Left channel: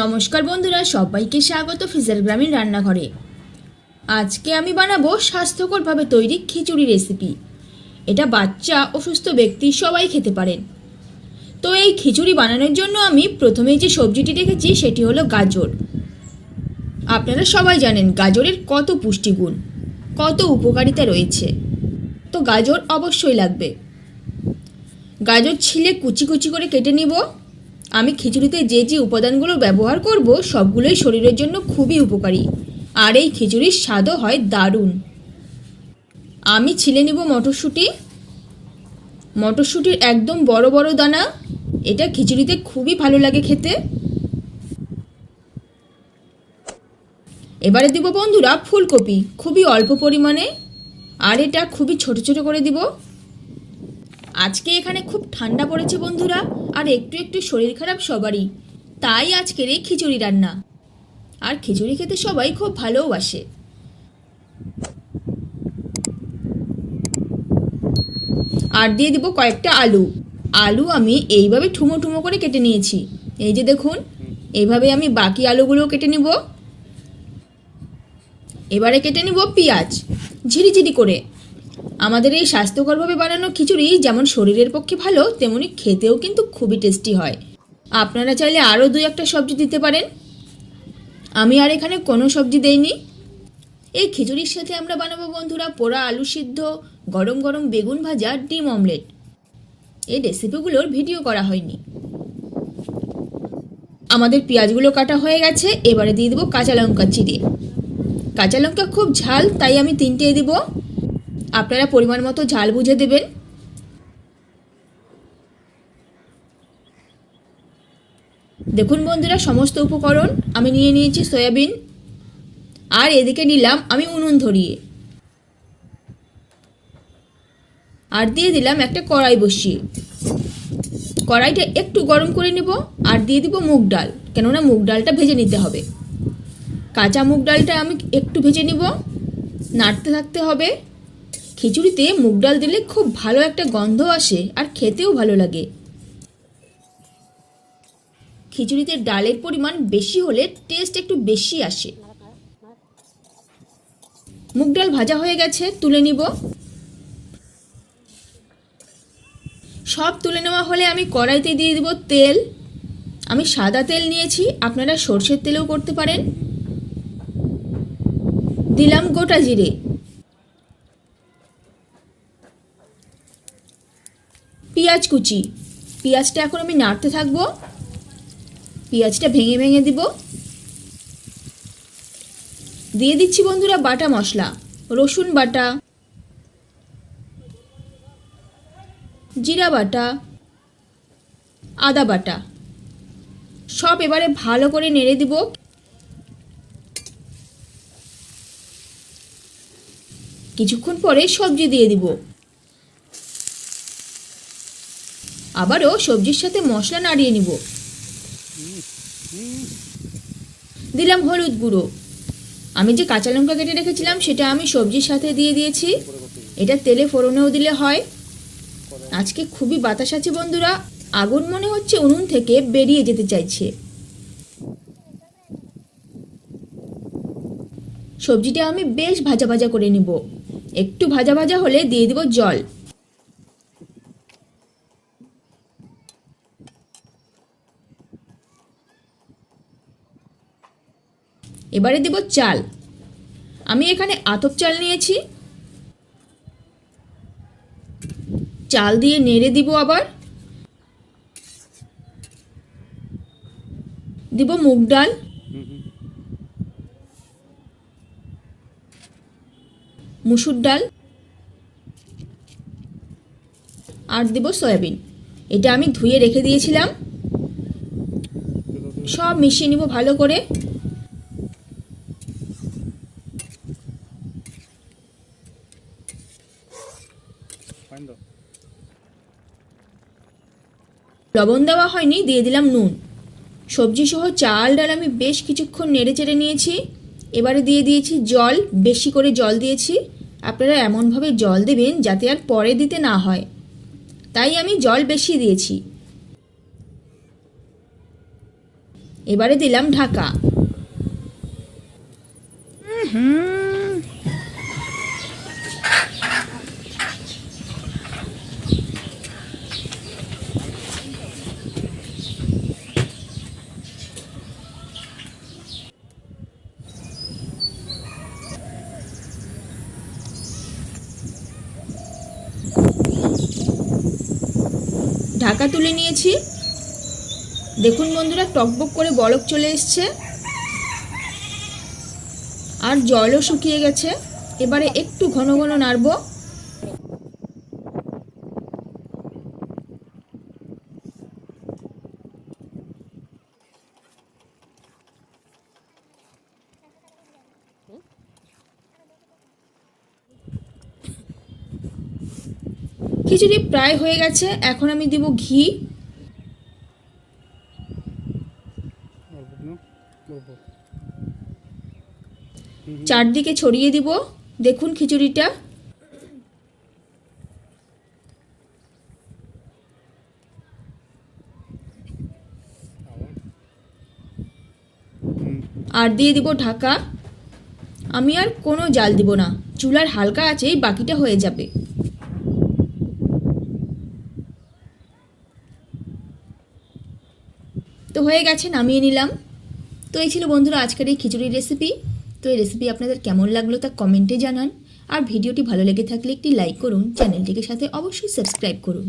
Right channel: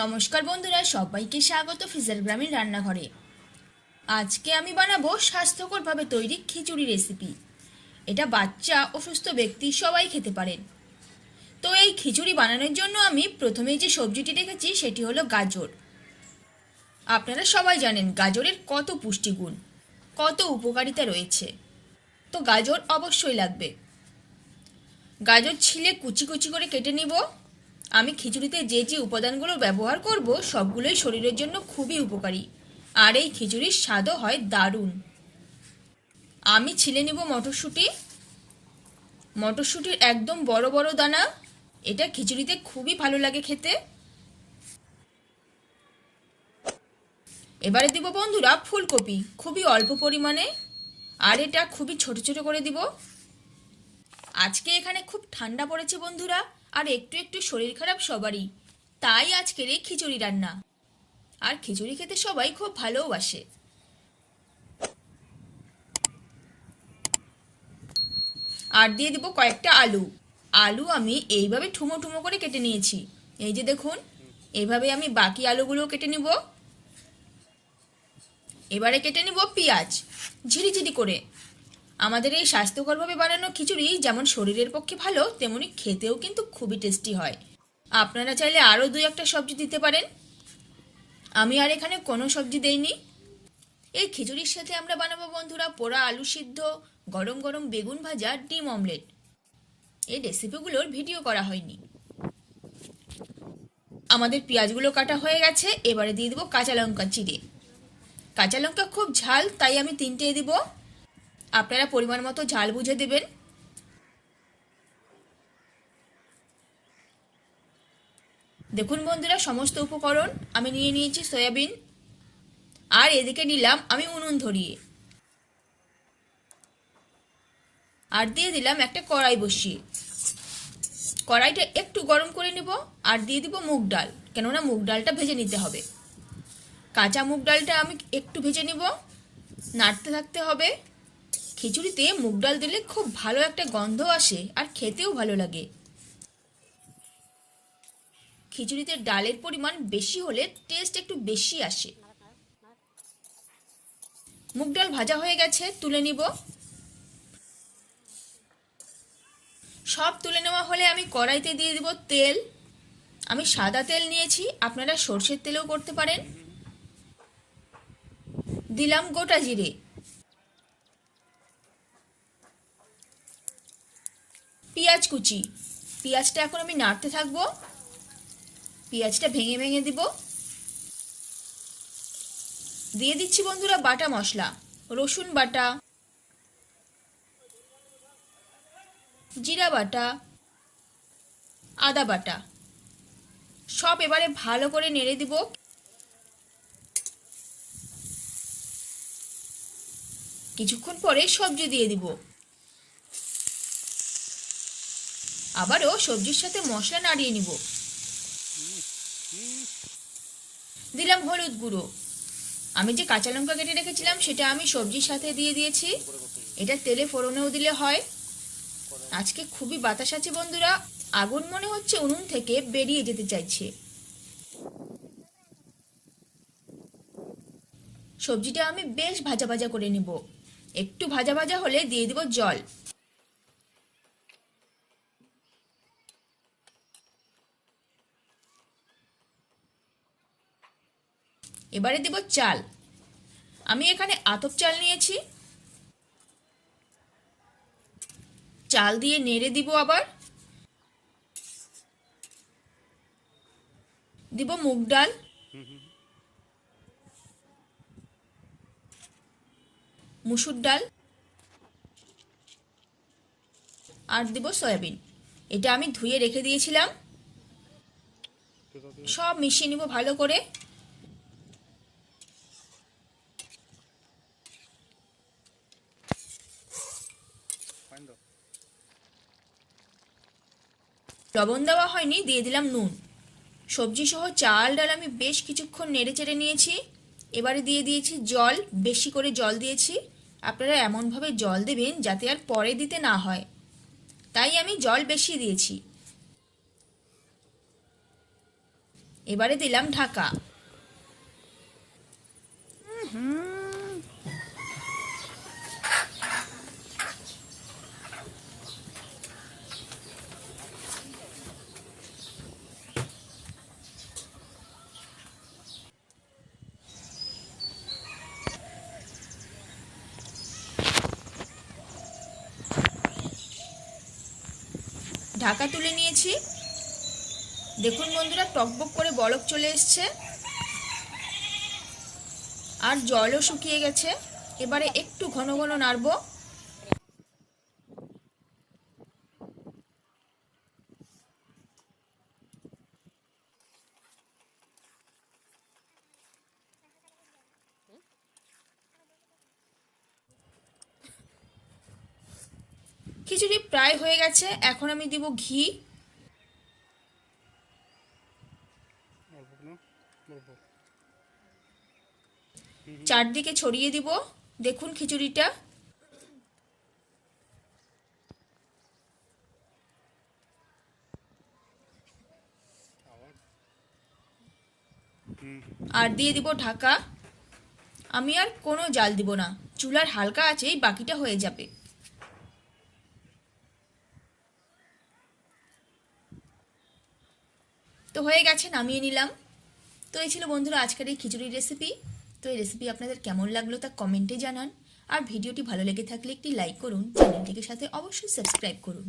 নমস্কার বন্ধুরা, সবাইকে স্বাগত ফিজার গ্রামীণ রান্নাঘরে। আজকে আমি বানাবো স্বাস্থ্যকরভাবে তৈরি খিচুড়ি রেসিপি। এটা বাচ্চা ও সুস্থ ব্যক্তি সবাই খেতে পারেন। তো এই খিচুড়ি বানানোর জন্য আমি প্রথমেই যে সবজিটি রেখেছি সেটি হলো গাজর। আপনারা সবাই জানেন গাজরের কত পুষ্টিগুণ, কত উপকারিতা রয়েছে। তো গাজর অবশ্যই লাগবে। গাজর ছিলে কুচি কুচি করে কেটে নিব। আমি খিচুড়িতে যে যে উপাদানগুলো ব্যবহার করব সবগুলোই শরীরের জন্য খুবই উপকারী, আর এই খিচুড়ির স্বাদও হয় দারুণ। আমি ছিলে নিব মটরশুঁটির একদম বড় বড় দানা। এটা খিচুড়িতে খুবই ভালো লাগে খেতে। এবারে দিব বন্ধুরা ফুলকপি, খুবই অল্প পরিমাণে, আর এটা খুবই ছোট ছোট করে দিব। আজকে এখানে খুব ঠান্ডা পড়েছে বন্ধুরা, আর একটু একটু শরীর খারাপ সবারই, তাই আজকের এই খিচুড়ি রান্না। আর খিচুড়ি খেতে সবাই খুব ভালোবাসে। আর দিয়ে দিব কয়েকটা আলু আমি এইভাবে ঠুমো ঠুমো করে কেটে নিয়েছি। এই যে দেখুন, এইভাবে আমি বাকি আলুগুলোও কেটে নিব। এবারে কেটে নিব পেঁয়াজ ঝিরিঝিরি করে। আমাদের এই স্বাস্থ্যকরভাবে বানানো খিচুড়ি যেমন শরীরের পক্ষে ভালো, তেমনি খেতেও কিন্তু খুবই টেস্টি হয়। আপনারা চাইলে আরও 2-1টা সবজি দিতে পারেন। আমি আর এখানে কোনো সবজি দেইনি। এই খিচুড়ির সাথে আমরা বানাবো বন্ধুরা পোড়া আলু সিদ্ধ, গরম গরম বেগুন ভাজা, ডিম অমলেট। এই রেসিপিগুলোর ভিডিও করা হয়নি। আমাদের পেঁয়াজগুলো কাটা হয়ে গেছে। এবারে দিয়ে দেবো কাঁচা লঙ্কা চিড়ে। কাঁচা লঙ্কা খুব ঝাল, তাই আমি 3টে দিব। আপনারা পরিমাণ মতো ঝাল বুঝে দেবেন। দেখুন বন্ধুরা, সমস্ত উপকরণ আমি নিয়ে নিয়েছি সয়াবিন, আর এদিকে নিলাম আমি উনুন ধরিয়ে, আর দিয়ে দিলাম একটা কড়াই বসিয়ে। কড়াইটা একটু গরম করে নেব, আর দিয়ে দিব মুগ ডাল, কেননা মুগ ডালটা ভেজে নিতে হবে। কাঁচা মুগ ডালটা আমি একটু ভেজে নিব, নাড়তে থাকতে হবে। খিচুড়িতে মুগ ডাল দিলে খুব ভালো একটা গন্ধ আসে, আর খেতেও ভালো লাগে। খিচুড়িতে ডালের পরিমাণ বেশি হলে টেস্ট একটু বেশি আসে। মুগ ডাল ভাজা হয়ে গেছে, তুলে নিব। সব তুলে নেওয়া হলে আমি কড়াইতে দিয়ে দিব তেল। আমি সাদা তেল নিয়েছি, আপনারা সর্ষের তেলেও করতে পারেন। দিলাম গোটা জিরে, পেঁয়াজ কুচি। পেঁয়াজটা এখন আমি নাড়তে থাকবো। পেঁয়াজটা ভেঙে ভেঙে দিব। দিয়ে দিচ্ছি বন্ধুরা বাটা মশলা, রসুন বাটা, জিরা বাটা, আদা বাটা। সব এবারে ভালো করে নেড়ে দিব। কিছুক্ষণ পরে সবজি দিয়ে দিব। আবারও সবজির সাথে মশলা নাড়িয়ে নিব। দিলাম হলুদ গুঁড়ো। আমি যে কাঁচা লঙ্কা কেটে রেখেছিলাম সেটা আমি সবজির সাথে দিয়ে দিয়েছি। এটা তেলে ফোড়নেও দিলে হয়। আজকে খুবই বাতাস আছে বন্ধুরা, আগুন মনে হচ্ছে উনুন থেকে বেরিয়ে যেতে চাইছে। সবজিটা আমি বেশ ভাজা ভাজা করে নিব। একটু ভাজা ভাজা হলে দিয়ে দিব জল। এবারে দেব চাল। আমি এখানে আতপ চাল নিয়েছি। চাল দিয়ে নেড়ে দিব। আবার দিব মুগ ডাল, মুসুর ডাল, আর দিব সয়াবিন। এটা আমি ধুয়ে রেখে দিয়েছিলাম। সব মিশিয়ে নিব ভালো করে। লবণ দেওয়া হয়নি, দিয়ে দিলাম নুন। সবজি সহ চাল ডাল আমি বেশ কিছুক্ষণ নেড়ে চেড়ে নিয়েছি। এবারে দিয়ে দিয়েছি জল, বেশি করে জল দিয়েছি। আপনারা এমনভাবে জল দেবেন যাতে আর পরে দিতে না হয়, তাই আমি জল বেশি দিয়েছি। এবারে দিলাম ঢাকা। ঢাকা তুলে নিয়েছি। দেখুন বন্ধুরা, টকবক করে বরফ চলে এসছে আর জলও শুকিয়ে গেছে। এবারে একটু ঘন ঘন নাড়বো। খিচুড়ি প্রায় হয়ে গেছে। এখন আমি দিব ঘি। চারদিকে ছড়িয়ে দিব। দেখুন খিচুড়িটা। আর দিয়ে দিব ঢাকা। আমি আর কোনো জাল দিব না, চুলার হালকা আঁচেই বাকিটা হয়ে যাবে। তো হয়ে গেছে, নামিয়ে নিলাম। তো এই ছিল বন্ধুরা আজকের এই খিচুড়ির রেসিপি। তো এই রেসিপি আপনাদের কেমন লাগলো তা কমেন্টে জানান। আর ভিডিওটি ভালো লেগে থাকলে একটি লাইক করুন, চ্যানেলটিকে সাথে অবশ্যই সাবস্ক্রাইব করুন।